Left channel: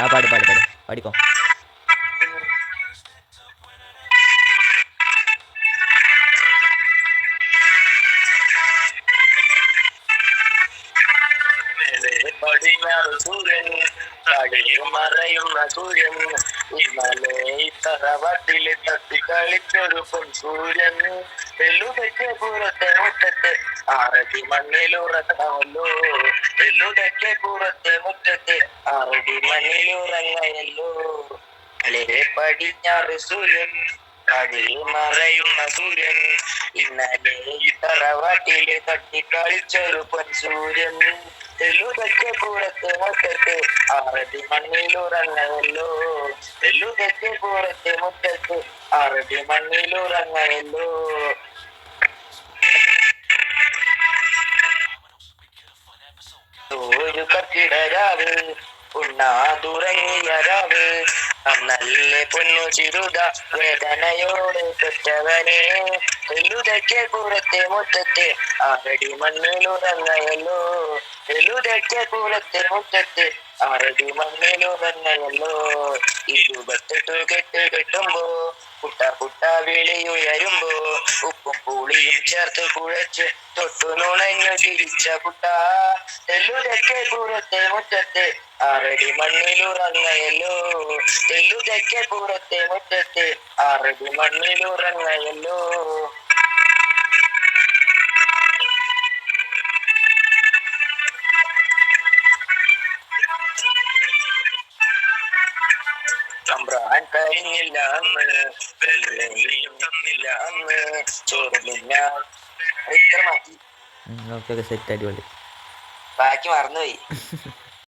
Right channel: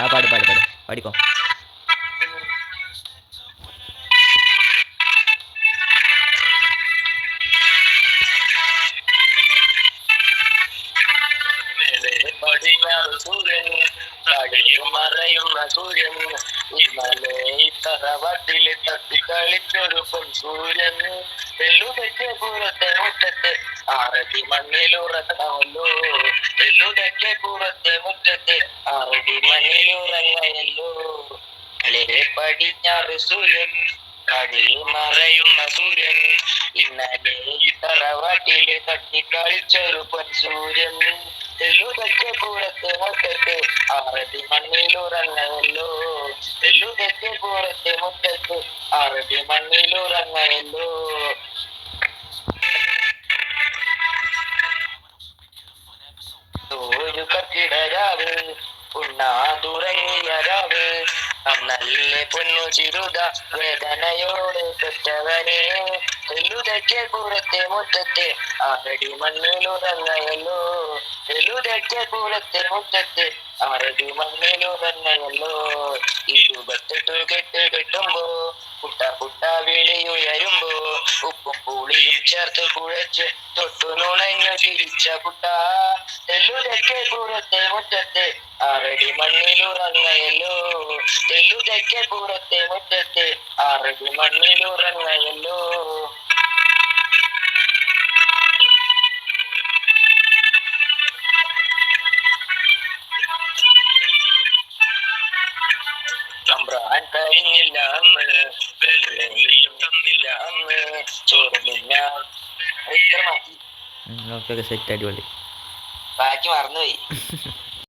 ആ പാട് പാട് പാട് പാടിക്കോ. പടിഞ്ഞാറ് സൂര്യൻ കടലിൽ മറയുന്ന സൂര്യൻ ഇന്നലെ തറവാട്ടിലെ തട്ടി കളിച്ചൊരു പൊൻ സൂര്യൻ എല്ലുടയ്ക്ക് പുറത്തെ മുറ്റത്ത് ആറടി മണ്ണിലുറങ്ങമല്ലോ എല്ലുടയ്ക്ക് പുറത്തെ മുറ്റത്ത് ആറടി മണ്ണിലുറങ്ങയല്ലോ പടിഞ്ഞാറ് സൂര്യൻ കടലിൽ മറയുന്ന സൂര്യൻ ഇന്നലെ തറവാട്ടിലെ തട്ടി കളിച്ചൊരു പൊൻ സൂര്യൻ എല്ലുതൊക്കെ പുറത്ത് മുറ്റത്ത് ആറടി മണ്ണിലുറങ്ങയല്ലോ എല്ലുതൊക്കെ പുറത്ത് മുറ്റത്ത് ആറടി മണ്ണിലുറങ്ങയല്ലോ. ഒരു കത്തിടരാവ് ഉണ്ണാതുറങ്ങിയ രാവ് നല്ല പൊന്നു ചിരുത വേദനയോടെ പെറ്റവനെ എല്ലുതൊക്കെ പുറത്തെ മുറ്റത്തെ ആറടി മണ്ണിലുറങ്ങയല്ലോ എല്ലുതൊക്കെ പുറത്തെ മുറ്റത്തെ ആറടി മണ്ണിലുറങ്ങയല്ലോ. ഇരുപത്തെട്ട് കെട്ട് കെട്ടുമ്പോ പുട്ട പുട്ട വിളിയുയരുമ്പോ ഉപ്പും പുളിയും ചേർത്ത് കുഴച്ച് തൊട്ടു നുണഞ്ഞു ചിരിച്ച കുട്ട എല്ലുതൊക്കെ പുറത്തെ മുറ്റത്തെ ആറടി മണ്ണിലുറങ്ങയല്ലോ എല്ലുതൊക്കെ പുറത്തെ മുറ്റത്തെ ആറടി മണ്ണിലുറങ്ങയല്ലോ. തമ്പ്രാൻ കഴിഞ്ഞില്ല അന്ന് വെള്ളിയും തന്നില്ല അന്ന് ചോറില്ല ഇത്ര മതി. ഓക്കെ ഓക്കെ സെറ്റ് അടിപൊളി. ബാക്കി മറന്നുപോയി.